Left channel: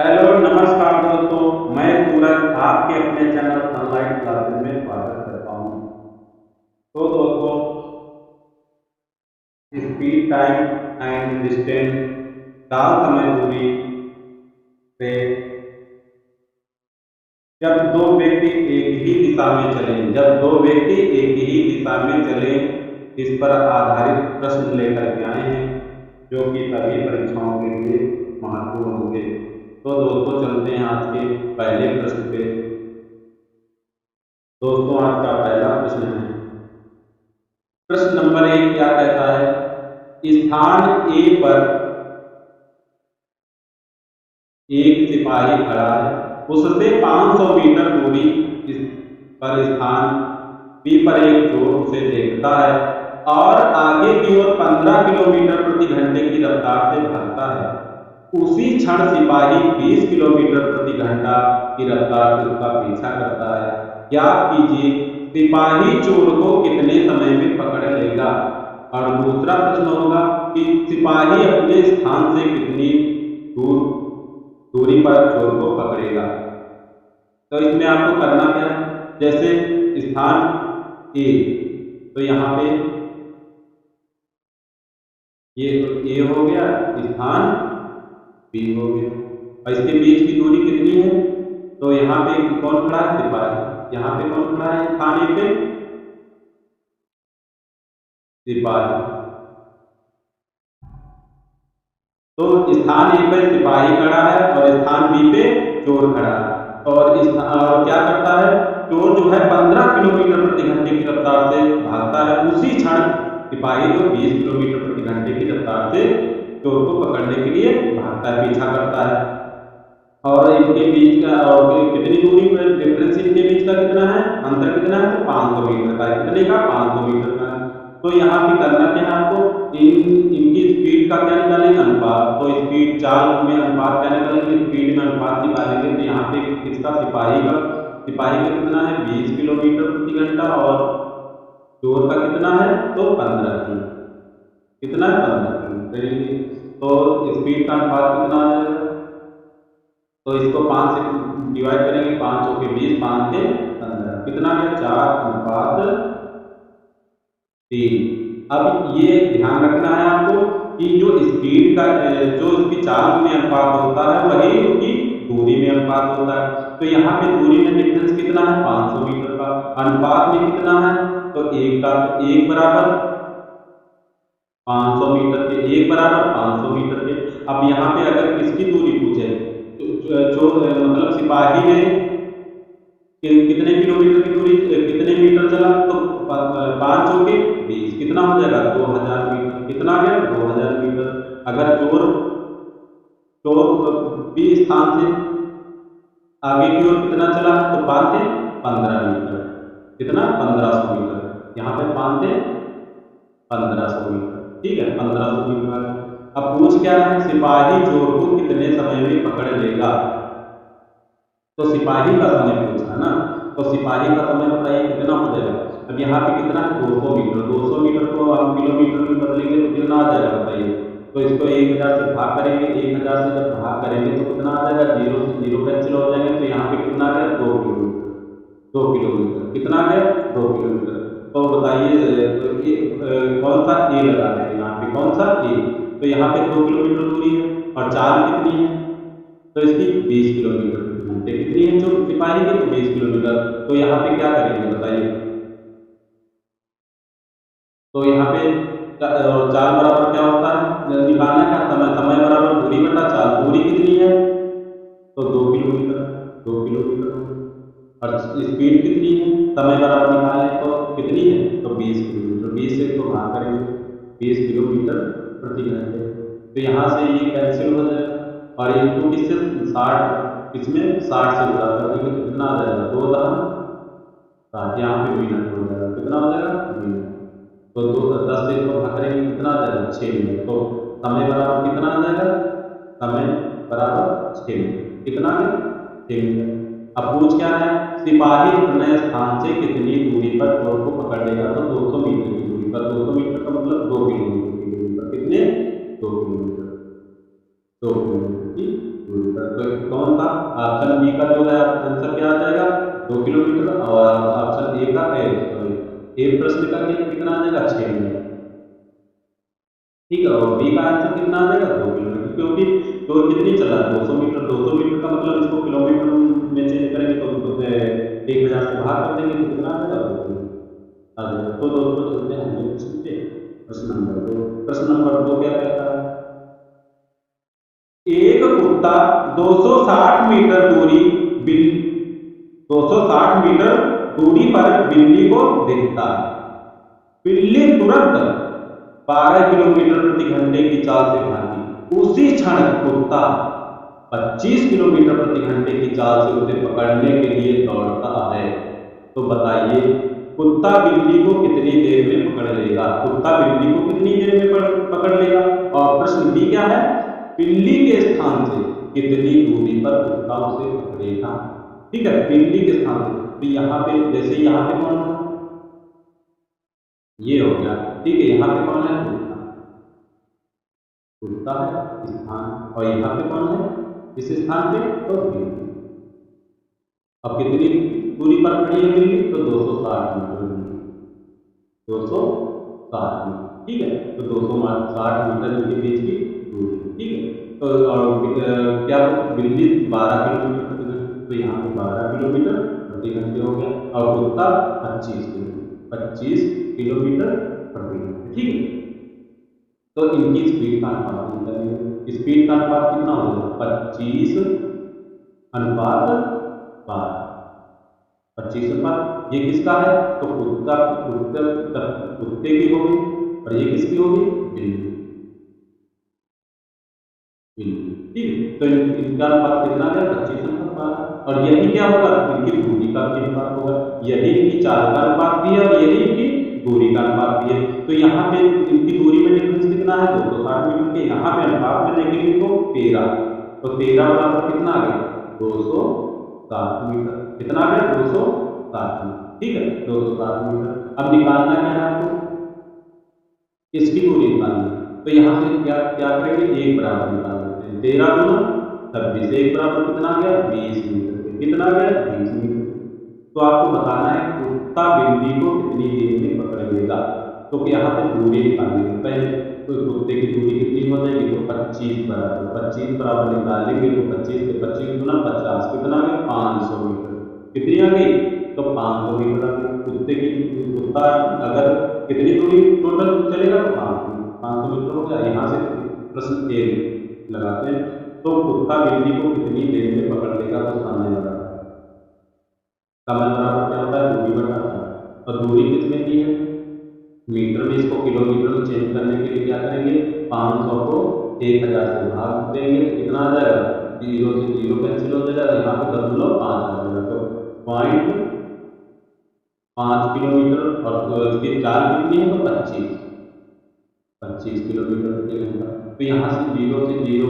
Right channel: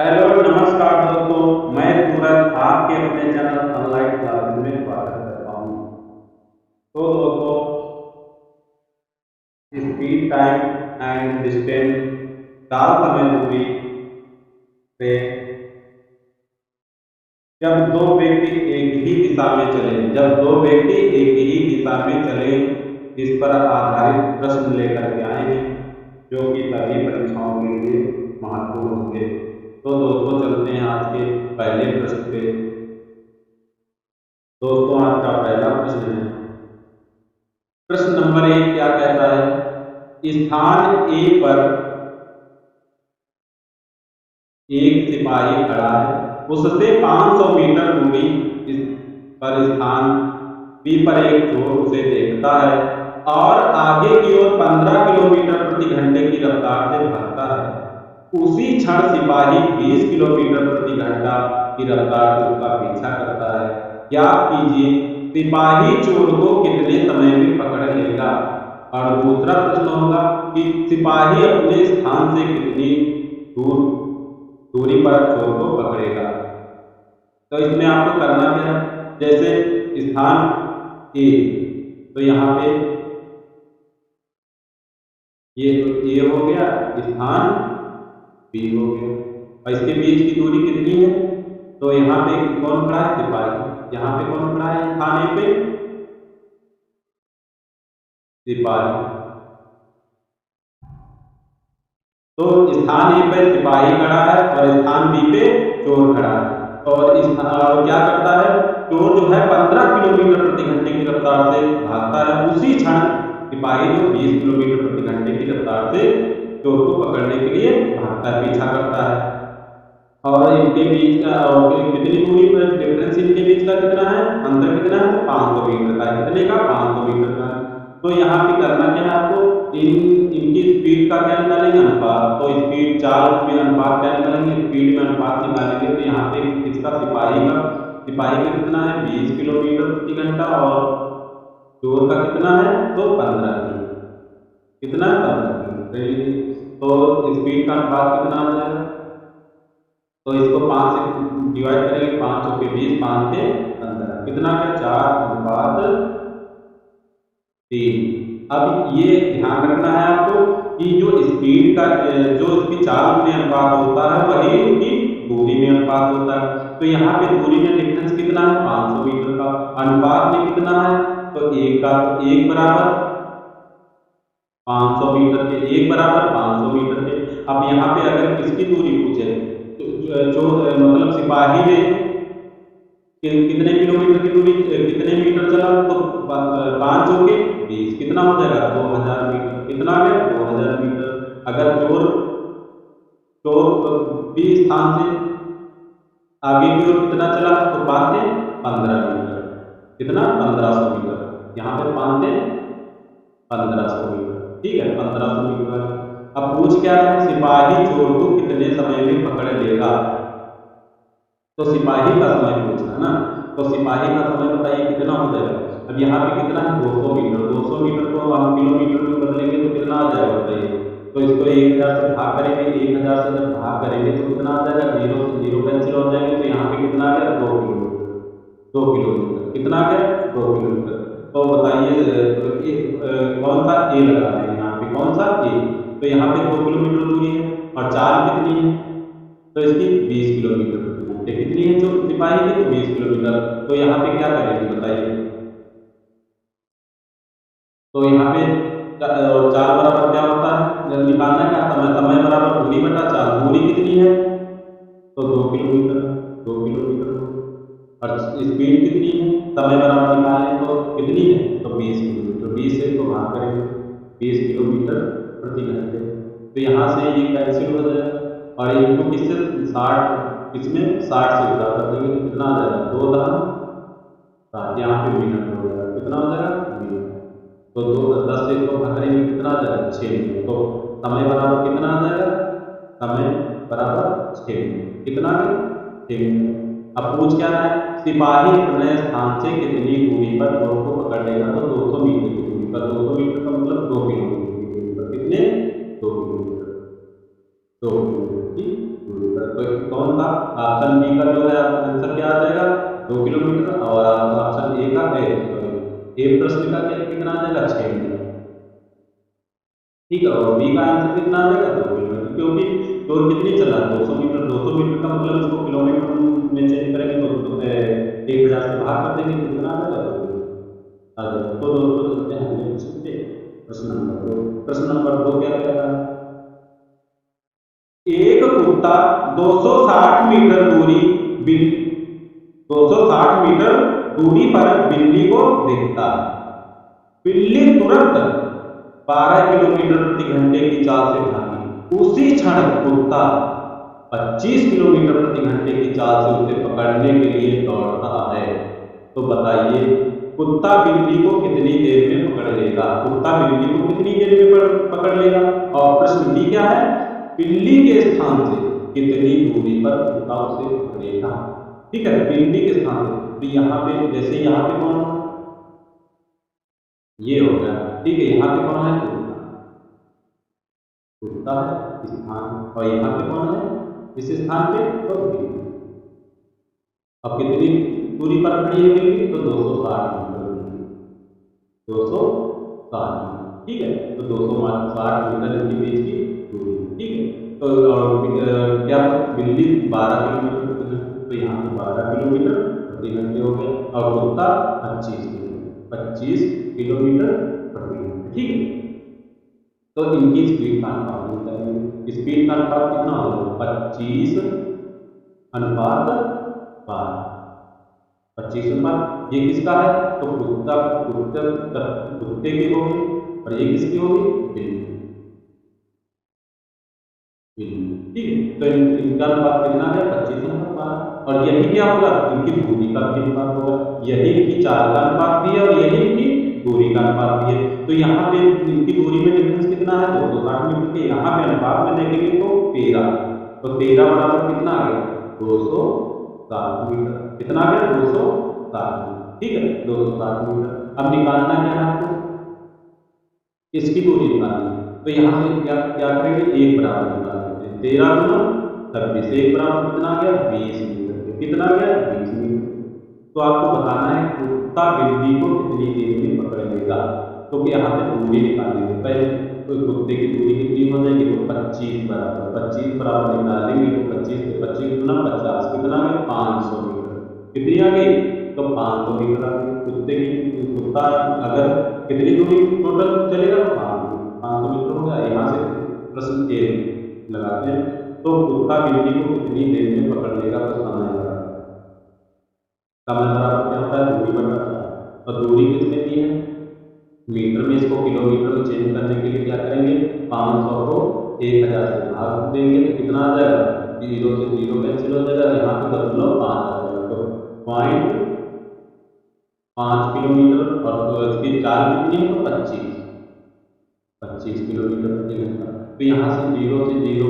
Hello नमस्कार दोस्तों, मैं सूरज आपके अपने चैनल सनलाइट क्लासेस में स्वागत करता हूँ। तो दोस्तों, स्पीड टाइम एंड डिस्टेंस चाल समय दूरी से जब दो व्यक्ति एक ही दिशा में चले जब दो व्यक्ति एक ही दिशा में चले इस पर आधारित प्रश्न लेकर के आए हैं जो कि सभी परीक्षाओं के लिए महत्वपूर्ण होंगे। तो दोस्तों, चलते हैं आज के पहले प्रश्न पे। दोस्तों, आज का पहला प्रश्न है, प्रश्न नंबर 1 क्या कहता है? स्थान ए पर एक सिपाही खड़ा है, उससे 500 मीटर दूरी इस पर स्थान बी पर एक चोर उसे देखता है और आगे की ओर 15 किलोमीटर प्रति घंटे की रफ्तार से भागता है। उसी क्षण सिपाही 20 किलोमीटर प्रति घंटा की रफ्तार से उसका पीछा करता है। ज्ञात कीजिए सिपाही चोर को कितने समय में पकड़ लेगा। और दूसरा प्रश्न होगा कि सिपाही अपने स्थान से कितनी दूरी पर चोर को पकड़ेगा। तो इसमें आपको करना क्या है, जैसे स्थान ए, तो यहाँ पे ये तो ए हो गया, स्थान बी हो गया और इसके बीच की दूरी कितनी है? तो यहाँ पे कौन खड़ा है? सिपाही। यहाँ पे कौन खड़ा है स्थान ए पे? सिपाही। तो स्थान ए पर सिपाही खड़ा है और स्थान बी पे चोर खड़ा है और क्या करता है? चोर जो है 15 किलोमीटर प्रति घंटे की रफ्तार से भागता है। उसी क्षण सिपाही जो 20 किलोमीटर प्रति घंटे की रफ्तार से चोर को पकड़ने के लिए भागता है, पीछा करता है। और इनके बीच का और कितनी दूरी पर डिफरेंस इनके बीच का कितना है? अंतर कितना है? तो 500 मीटर का है। कितने का? 500 मीटर का है। तो यहाँ पे करना क्या है आपको? इनकी स्पीड का क्या निकालेंगे? अनुपात। तो स्पीड चाल में अनुपात क्या निकालेंगे? स्पीड में अनुपात निकालेंगे। तो यहाँ पे किसका? सिपाही का कितना है? 20 किलोमीटर प्रति घंटा और चोर का कितना है? तो 15 किलोमीटर। कितना है? 15 किलोमीटर। तो स्पीड का अनुपात कितना आ जाएगा? तो इसको 5 से डिवाइड करेंगे, 5 चौके 20, 5 से 15, कितना गया? 4:3। अब ये ध्यान रखना है आपको कि जो स्पीड का जो इसकी चाल में अनुपात होता है वही उसकी दूरी में अनुपात होता है। तो यहाँ पे दूरी में डिफरेंस कितना है? 500 मीटर का। अनुपात में कितना है? तो 1 का। तो 1 बराबर 500 मीटर के, 1 बराबर 500 मीटर के। अब यहाँ पे अगर किसकी दूरी पूछे तो मतलब सिपाही ने कितने किलोमीटर की दूरी कितने मीटर चला? तो 5 चौके 20, कितना हो जाएगा? 2000 मीटर। कितना आ गया? 2000 मीटर। अगर चोर बी स्थान से आगे की ओर कितना चला है? तो 5 से 15 मीटर। कितना? 1500 मीटर। यहाँ पे 5 से 1500 मीटर। ठीक है, 1500 मीटर वाला। अब पूछ क्या रहा है? सिपाही चोर को कितने समय में पकड़ लेगा। तो सिपाही का समय पूछ रहा है ना, तो सिपाही का समय बताइए कितना हो जाएगा। अब यहाँ पे कितना है? 200 मीटर। 200 मीटर को हम किलोमीटर में बदलेंगे तो कितना आ जाएगा बताइए। तो इसको 1000 से भाग करेंगे। 1000 से जब भाग करेंगे तो कितना आ जाएगा? 0 से 0 कैंसिल हो जाएंगे। तो यहाँ पे कितना आ गया? 2 किलोमीटर। 2 किलोमीटर कितना आ गया? 2 किलोमीटर। तो बताइए, तो कौन सा ए लगा रहे हैं यहाँ पे? कौन सा ए? तो यहाँ पे 2 किलोमीटर दूरी है और चाल कितनी है? तो इसकी 20 किलोमीटर प्रति घंटे। कितनी है जो सिपाही की? तो 20 किलोमीटर। तो यहाँ पे क्या करेंगे बताइए। तो यहाँ पे और चाल बराबर क्या होता है? निकालना का समय बराबर दूरी बटा चाल। दूरी कितनी है? तो 2 किलोमीटर। 2 किलोमीटर। और स्पीड कितनी है? समय बराबर निकालने तो कितनी है? तो 20 किलोमीटर। 20 से इसको भाग करेंगे, 20 किलोमीटर प्रति घंटे। तो यहाँ से ये कैंसिल हो जाएगा और इनको किससे 60, इसमें 60 से गुणा कर देंगे तो कितना आ जाएगा? 2×60। यहाँ पे मिनट हो जाएगा। कितना हो जाएगा? मिनट। तो 10 से इसको भाग करेंगे, कितना आ जाएगा? 6 मिनट। तो समय बराबर कितना आ जाएगा? समय बराबर 6 मिनट। कितना आ गया? 6 मिनट। अब पूछ क्या रहा है? सिपाही अपने स्थान से कितनी दूरी पर चोर को पकड़ लेगा? तो 200 मीटर की दूरी पर। 200 मीटर का मतलब 2 किलोमीटर की दूरी पर। कितने? 2 किलोमीटर। 2 किलोमीटर की दूरी पर। तो कौन था? ऑप्शन बी का जो है आंसर क्या आ जाएगा? 2 किलोमीटर। और ऑप्शन ए का ए प्रश्न का क्या कितना आ जाएगा? 6 मीटर। ठीक है, और बी का आंसर कितना आ जाएगा? 2 किलोमीटर, क्योंकि चोर कितनी चला? 200 मीटर। 200 मीटर का मतलब इसको किलोमीटर में चेंज करेंगे तो 1000 से भाग कर देंगे तो कितना आ जाएगा? 2 किलोमीटर आ जाएगा। तो दोस्तों चलते हैं अगले प्रश्न पे। प्रश्न नंबर 2। प्रश्न नंबर 2 क्या कहता है? एक कुत्ता 260 मीटर 260 मीटर दूरी पर बिल्ली को देखता है। बिल्ली तुरंत 12 किलोमीटर प्रति घंटे की चाल से भागी। उसी क्षण कुत्ता 25 किलोमीटर प्रति घंटे की चाल से उसे पकड़ने के लिए दौड़ता है। तो बताइए कुत्ता बिल्ली को कितनी देर में पकड़ लेगा? कुत्ता बिल्ली को कितनी देर में पकड़ लेगा? और प्रश्न बी क्या है? बिल्ली के स्थान से कितनी दूरी पर कुत्ता उसे पकड़ेगा? ठीक है, बिल्ली के स्थान से। तो यहाँ पे जैसे यहाँ पे कौन होगा? ये हो गया। ठीक है, यहाँ पे कौन है? कुत्ता। कुत्ता है स्थान, और यहाँ पे कौन है इस स्थान पे? तो बिल्ली। अब कितनी दूरी पर खड़ी है बिल्ली? तो 260 मीटर दूरी। 260 मीटर। ठीक है, तो 260 मीटर इनके बीच की दूरी। ठीक है, तो क्या बिल्ली 12 किलोमीटर प्रति घंटे, तो यहाँ पे 12 किलोमीटर प्रति घंटे हो गया, और कुत्ता 25 किलोमीटर प्रति घंटे। ठीक है, तो इनकी स्पीड का अनुपात निकालेंगे। स्पीड का अनुपात कितना हो जाएगा? 25 अनुपात 12। 25 अनुपात ये किसका है? तो कुत्ते की होगी, और ये किसकी होगी? बिल्ली। ठीक है, तो इनका अनुपात कितना गया? 25 अनुपात 12। और यही क्या होगा? इनकी दूरी का भी अनुपात होगा। यही इनकी चाल का अनुपात भी है, और यही इनकी दूरी का अनुपात भी है। तो यहाँ पे इनकी दूरी में डिफरेंस कितना है? 260 मीटर के। यहाँ पे अनुपात में देखेंगे तो 13। तो 13 बराबर कितना आ गया? 260 मीटर। कितना आ गया? 260 मीटर। ठीक है, 260 मीटर। अब निकालना क्या है आपको? इसकी दूरी निकालनी है। तो यहाँ से क्या क्या करेंगे? एक बराबर निकाल देते हैं। 13 गुना 26, एक बराबर कितना आ गया? 20 मीटर। कितना आ गया? 20 मीटर। तो आपको बताना है कुत्ता बिल्ली को कितनी देर में पकड़ लेगा। तो यहाँ पे दूरी निकालने के पहले तो कुत्ते की दूरी कितनी हो जाएगी? तो 25 बराबर निकालेंगे तो 25 से 25 गुना 50 कितना आ गया? 500 मीटर। कितनी आ गई? तो 500 मीटर आ गई। कुत्ता अगर कितनी दूरी टोटल चलेगा? तो 500 मीटर हो गया। यहाँ से प्रश्न ए लगाते हैं। तो कुत्ता बिल्ली को कितनी देर में पकड़ लेगा? तो समय बराबर क्या होता है? दूरी बटा 4। और दूरी किस में दी है? मीटर में। इसको किलोमीटर में चेंज करने के लिए क्या करेंगे? 500 को 1000 से भाग देंगे तो कितना आ जाएगा? 0 से 0 कैंसिल हो जाएगा। यहाँ पे 0.5 आ जाएगा। तो 0.5 किलोमीटर। और इसकी चाल कितनी है? तो 25 किलोमीटर प्रति घंटा। तो यहाँ से 0 से 0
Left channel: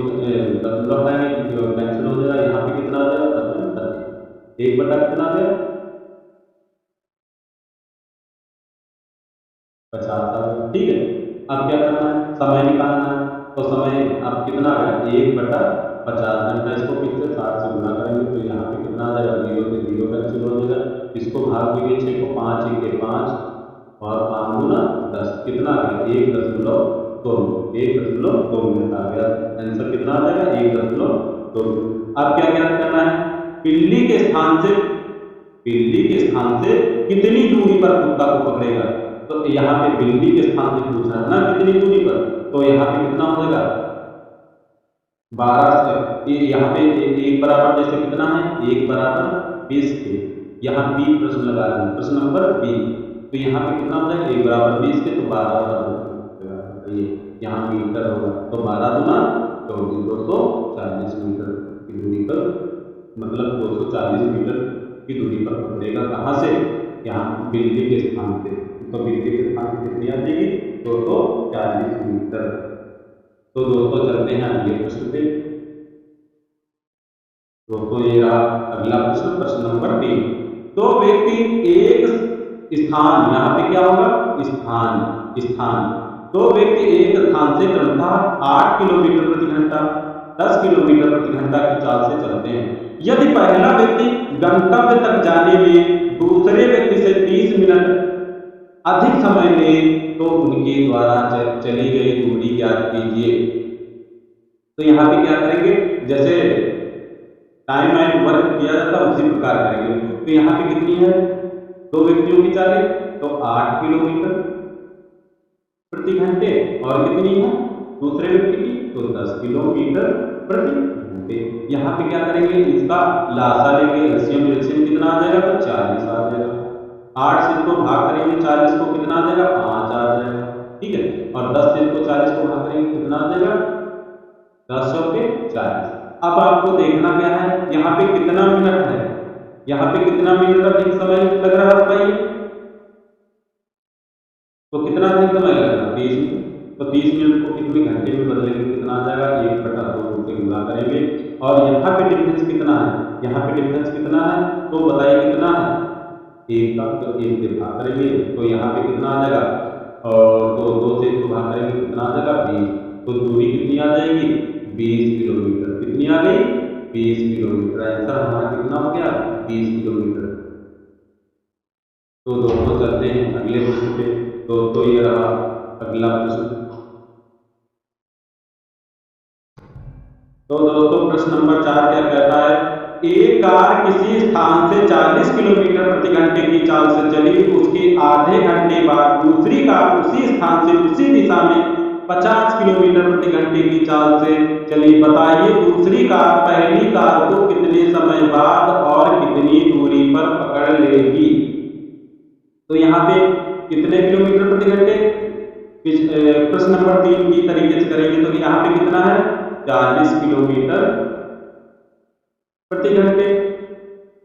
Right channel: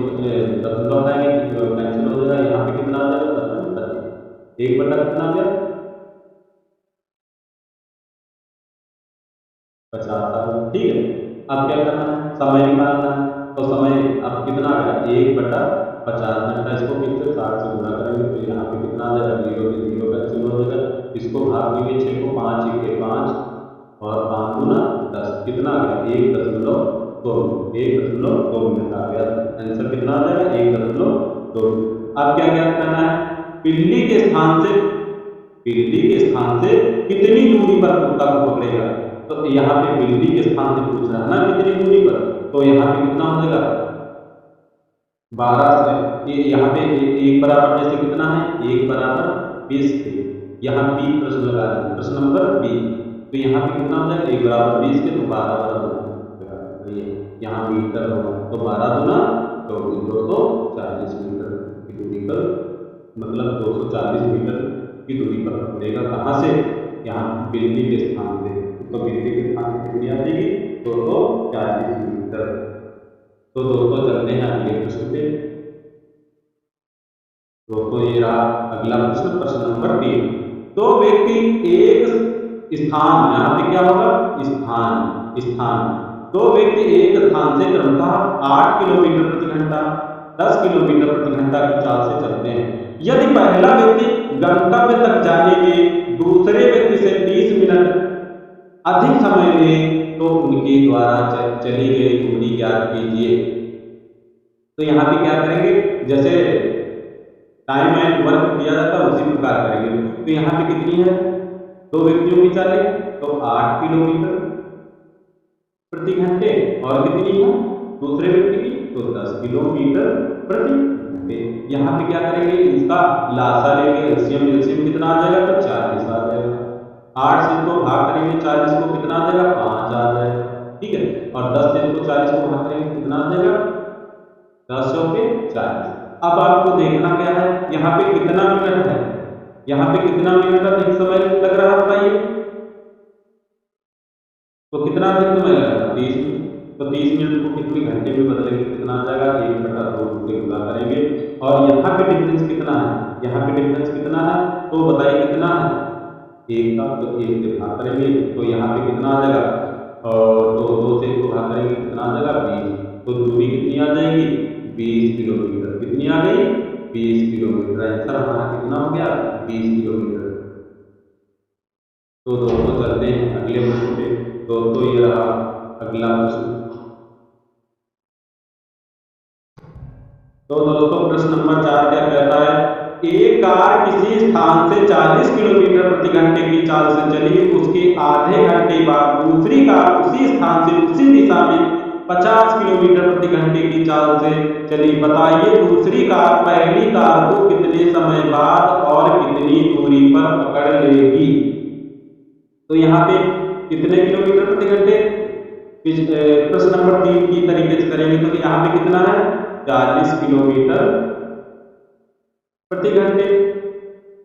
दशमलव हटाएंगे, कैंसिल हो जाएगा। यहाँ पे कितना आ जाएगा? 25। एक बटा कितना आ गया? 50 आ गया। ठीक है, अब क्या करना है? समय निकालना है। तो समय अब कितना आ गया? 1/50 घंटा। इसको फिर से 60 से गुणा करेंगे तो यहाँ पे कितना आ जाएगा? 0 से 0 कैंसिल हो जाएगा। इसको भाग देंगे 6 को। 5 1 5 और 5 गुना 10 कितना आ गया? 1.2 मिनट आ गया। आंसर कितना आ जाएगा? 1.2 मिनट। अब क्या ज्ञात करना है? बिल्ली के स्थान से कितनी दूरी पर कुत्ता को पकड़ेगा? तो यहाँ पे बिल्ली के स्थान से पूछ रहा है ना कितनी दूरी पर। तो यहाँ पे कितना हो जाएगा? 12 से यहाँ पे एक बराबर जैसे कितना है? 1 बराबर 20 थे। यहाँ बी प्रश्न लगा दें। प्रश्न नंबर बी। तो यहाँ पे कितना हो जाएगा? 1 बराबर 20 के, तो 12 बराबर तो ये यहाँ मीटर होगा। तो 12 गुना 240 मीटर की दूरी पर, मतलब 240 मीटर की दूरी पर पकड़ेगा। कहाँ से? यहाँ बिल्ली के स्थान से। तो बिल्ली के स्थान से कितनी आ जाएगी? 240 मीटर। तो दोस्तों चलते हैं अगले प्रश्न पे। दोस्तों ये रहा अगला प्रश्न, प्रश्न नंबर 3। तो व्यक्ति एक स्थान, यहाँ पे क्या होगा? स्थान। तो व्यक्ति एक स्थान से क्रमशः 8 किलोमीटर प्रति घंटा, 10 किलोमीटर प्रति घंटा की चाल से चलते हैं। यदि पहला व्यक्ति गंतव्य तक जाने में दूसरे व्यक्ति से 30 मिनट अधिक समय ले तो उनके द्वारा चली गई दूरी ज्ञात कीजिए। तो यहाँ पे क्या करेंगे, जैसे टाइम एंड वर्क किया जाता है उसी प्रकार करेंगे। तो यहाँ पे कितनी है, दो व्यक्तियों की चालें तो 8 किलोमीटर प्रति घंटे, और कितनी है दूसरे व्यक्ति की तो 10 किलोमीटर प्रति घंटे। यहाँ पे क्या करेंगे, इसका लासा लेंगे, एलसीएम कितना आ जाएगा तो 40 आ जाएगा। 8 से इसको भाग करेंगे 40 को कितना आ जाएगा 5 आ जाएगा, ठीक है। और 10 से इसको 40 को भाग करेंगे कितना आ जाएगा 10 पे 40। अब आपको देखना क्या है, यहाँ पे कितना मिनट है, यहाँ पे कितना मिनट अधिक समय लग रहा है बताइए, तो कितना अधिक समय लग रहा है 30 मिनट। तो 30 मिनट को कितने घंटे में बदलेंगे, कितना आ जाएगा 1/2 से गुणा करेंगे। और यहाँ पे डिफरेंस कितना है, यहाँ पे डिफरेंस कितना है तो बताइए कितना है 1 का, तो 1 से भाग करेंगे तो यहाँ पे कितना आ जाएगा, और तो 2 से इसको भाग करेंगे कितना आ जाएगा 20। तो दूरी कितनी आ जाएगी 20 किलोमीटर, कितनी आ गई 20 किलोमीटर। आंसर हमारा कितना हो गया 20 किलोमीटर। तो दोस्तों चलते हैं अगले प्रश्न पे। दोस्तों ये रहा अगला प्रश्न। तो दोस्तों प्रश्न नंबर 4 क्या कहता है, एक कार किसी स्थान से 40 किलोमीटर प्रति घंटे की चाल से चली, उसके आधे घंटे बाद दूसरी कार उसी स्थान से उसी दिशा में 50 किलोमीटर प्रति घंटे की चाल से चली। बताइए दूसरी कार पहली कार को कितने समय बाद और कितनी दूरी पर पकड़ लेगी। तो यहाँ पे कितने किलोमीटर प्रति घंटे, प्रश्न नंबर 3 की तरीके से करेंगे तो यहाँ पे कितना है 40 किलोमीटर प्रति घंटे,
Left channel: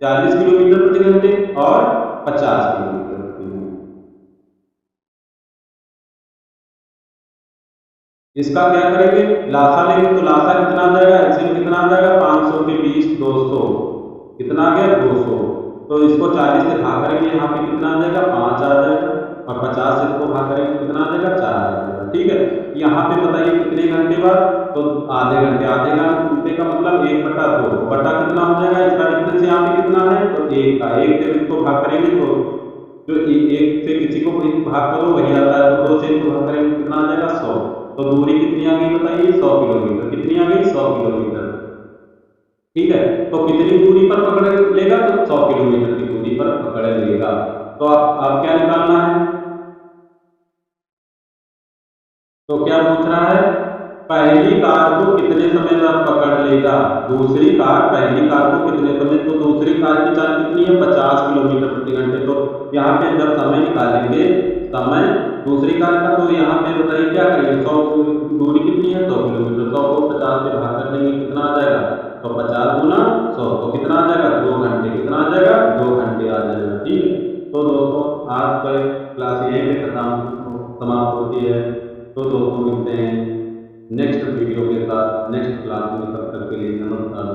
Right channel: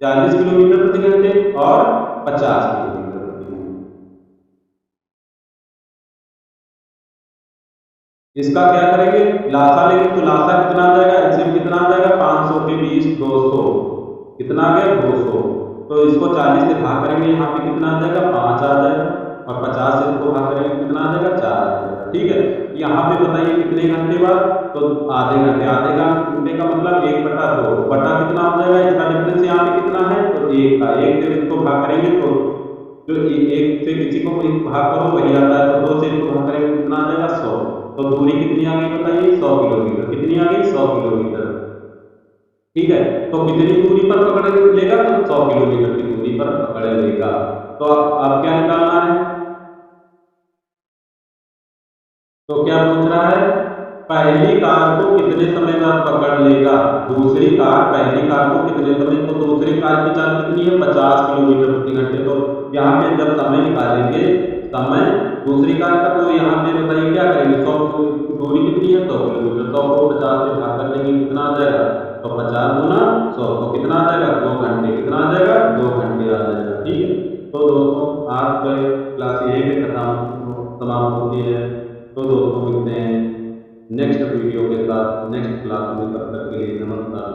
40 किलोमीटर प्रति घंटे और 50 किलोमीटर प्रति घंटे। इसका क्या करेंगे, लासा लेंगे तो लासा कितना आ जाएगा, एलसीएम कितना आ जाएगा 500 के 20 200, कितना आ गया 200। तो इसको 40 से भाग करेंगे, यहाँ पे कितना आ जाएगा 5 आ जाएगा, और 50 से इसको भाग करेंगे कितना आ जाएगा 4 आ जाएगा, ठीक है। यहाँ पे बताइए कितने घंटे बाद, तो आधे घंटे, आधे घंटे का मतलब 1/2 बटा कितना हो जाएगा, इसका डिफरेंस यहाँ पे कितना है तो 1 का, 1 से इसको भाग करेंगे तो जो 1 से किसी को भाग करो वही आता है, तो 2 से इसको भाग करेंगे कितना आ जाएगा 100। तो दूरी कितनी आ गई बताइए 100 किलोमीटर, कितनी आ गई 100 किलोमीटर, ठीक है। तो कितनी दूरी पर पकड़ लेगा तो 100 किलोमीटर की दूरी पर पकड़ लेगा। तो आप क्या निकालना है, तो क्या पूछ रहा है, पहली कार को कितने समय बाद पकड़ लेगा, दूसरी कार पहली कार को कितने समय, तो दूसरी कार की चाल कितनी है 50 किलोमीटर प्रति घंटे। तो यहाँ पे जब समय निकालेंगे, समय दूसरी कार का, तो यहाँ पे बताइए क्या करेंगे, 100 दूरी कितनी है 100 किलोमीटर, 100 को 50 से भाग कर देंगे कितना आ जाएगा, तो 50 गुना 100 तो कितना आ जाएगा 2 घंटे, कितना आ जाएगा 2 घंटे आ जाएगा, ठीक है। तो दोस्तों आज का क्लास यहीं पे समाप्त होती है। तो दोस्तों मिलते हैं नेक्स्ट वीडियो के साथ नेक्स्ट क्लास में, तब तक के लिए नमस्कार।